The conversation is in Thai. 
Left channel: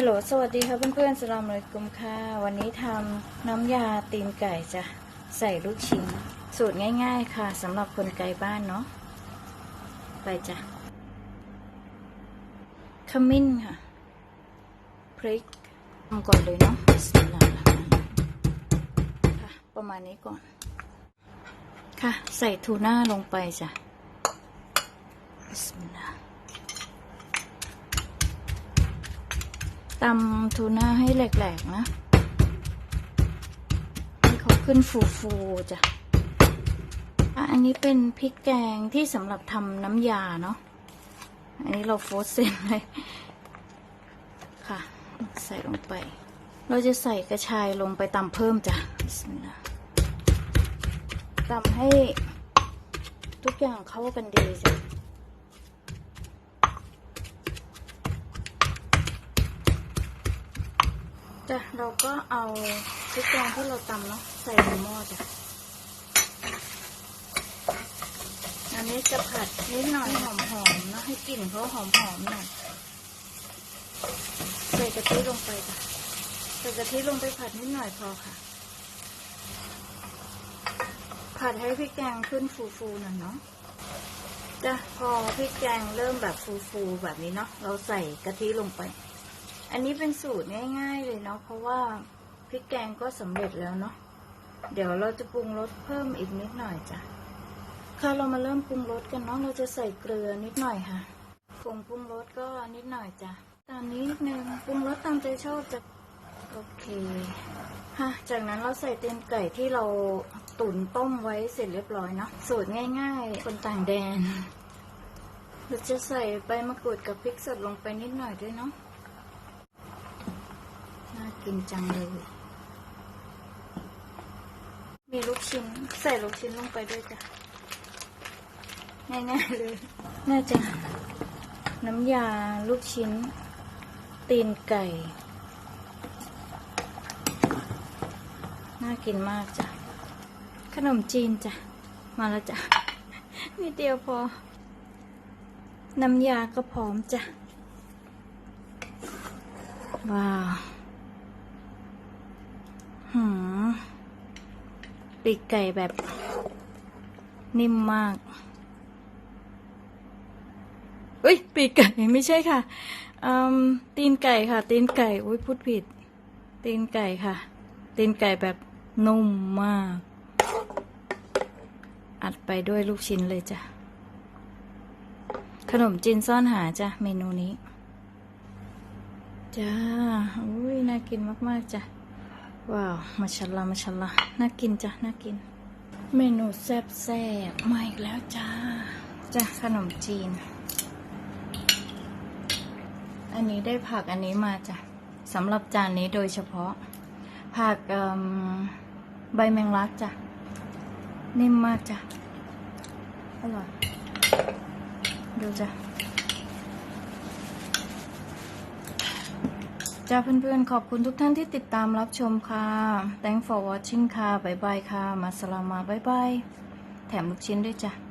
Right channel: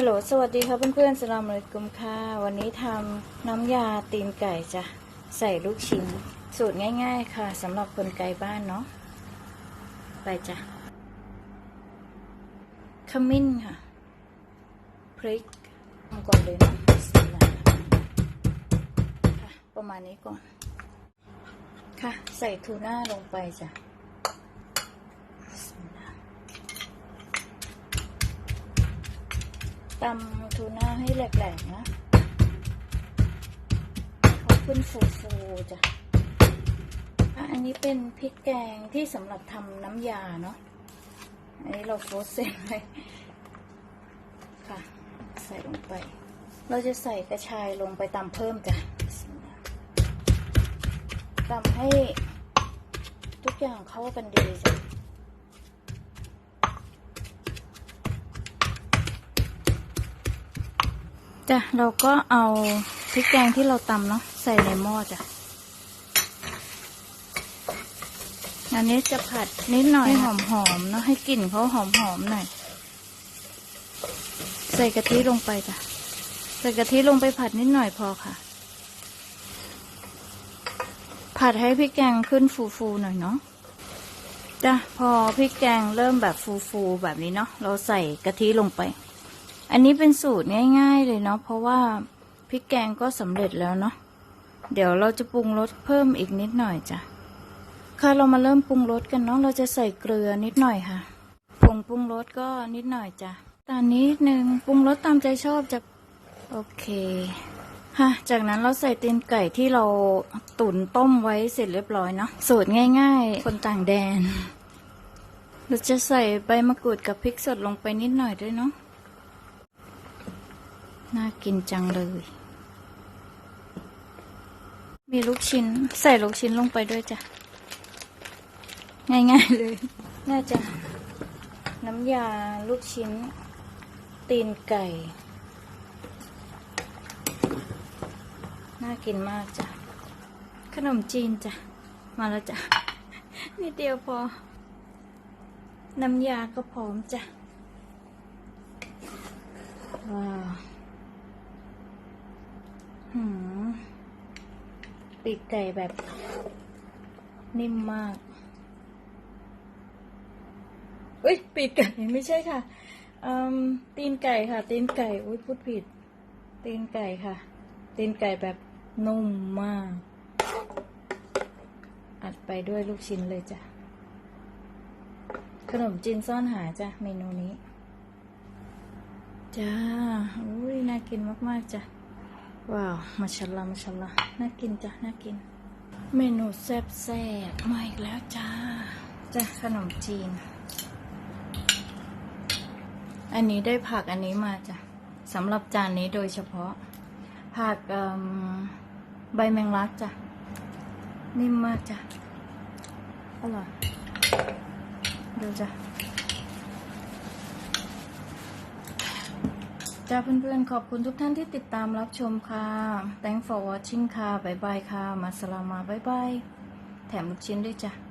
ฮัลโหล สวัสดีค่ะเพื่อนๆสลามเลยกุมค่ะ วันนี้ทำน้ำยาตีนไก่จ้ะ ใส่ลูกชิ้น สูตรง่ายๆค่ะสำหรับคนไกลบ้านเนาะ ไปจ้ะ ขมิ้นค่ะ พริกทำก่อนเลยเนาะสมิลลาห์ค่ะ ประมาณนี้ก่อน ค่ะ ใส่ทูน่าลงไปจ้ะบิสมิลลา ตำทูน่าให้แหลกๆนะให้เขาขึ้นฟูๆจ้ะอันนี้เป็นพริกแกงที่สำหรับทำน้ำยาเนาะ อันนี้เราโฟสเซนเลยค่ะ ใส่ลงไป เราจะใส่กระชายลงไปตำเพิ่มจ้ะตำให้ทุกอย่างเข้ากันดีจ้ะ จ้ะเราก็เอาพริกแกงที่เราตำเนาะใส่ในหม้อจ้ะอันนี้จะผัดนิดหน่อยให้หอมๆเนาะให้กลิ่นเขาหอมๆหน่อยใส่กะทิลงไปจ้ะใส่กะทิลงไปผัดนิดหน่อยพอค่ะ ผัดให้พริกแกงขึ้นฟูๆหน่อยเนาะจ้ะพอพริกแกงเริ่มแบบฟูๆแบบนี้เนาะเราใส่กะทิลงไป อันนี้เป็นสูตรง่ายๆเลยเนาะเพราะว่าพริกแกงก็สำเร็จแล้วเนาะเดี๋ยวเราจะปรุงรสเพิ่มอีกนิดหน่อยจ้ะค่ะเรามาเริ่มปรุงรสกันเนาะเราจะใส่เกลือนิดหน่อยค่ะผงปรุงรสก็นิดหน่อยจ้ะตามนิดนึงปรุงรสตามใจชอบจะโอเคค่ะจากนั้นเราใส่ตีนไก่ที่เราตุ๋นต้มไว้เสร็จเรียบร้อยเนาะสูตรง่ายๆ คนต่างแดนเราจะใส่ใบมะกรูดกับพริกสดลงไปนิดหน่อยด้วยเนาะ น่ากินจังเลย มีลูกชิ้น ใส่ลูกชิ้นลงไปด้วยจ้ะ ง่ายๆเลย น่าจะ น้ำยาลูกชิ้น ตีนไก่ น่ากินมากจ้ะ ขนมจีนจ้ะ มาแล้วจ้ะ นิดเดียวพอ น้ำยาก็พร้อมจ้ะ ว้าว หืม ปีกไก่แบบนิ่มมากเอ้ย ปีกไก่ไม่ใช่ค่ะอืมตีนไก่ค่ะ ตีนไก่อุ้ยพูดผิด ตีนไก่ค่ะ ตีนไก่แบบนุ่มมาก อัดไปด้วยลูกชิ้นเลยจ้ะ ขนมจีนซ่อนหาจ้ะ เมนูนี้ จ้า อุ้ย น่ากินมาก ๆ จ้ะ ว้าว มาชัลลามาชัลลาน่ากินจ้ะ น่ากิน เมนูแซ่บแซ่บมาอีกแล้วจ้า จ้ะ ขนมจีน อันนี้ได้ผักอันนี้มาจ้ะสำหรับจานนี้โดยเฉพาะ ผักใบแมงลักจ้ะ นิ่มมากจ้ะ อร่อย ดูจ้ะ จ้าเพื่อนๆ ขอบคุณทุกท่านที่ติดตามรับชมค่ะ Thanks for watching ค่ะ บ๊ายบายค่ะ มาสลามาบ๊ายบาย แถมลูกชิ้นด้วยจ้ะ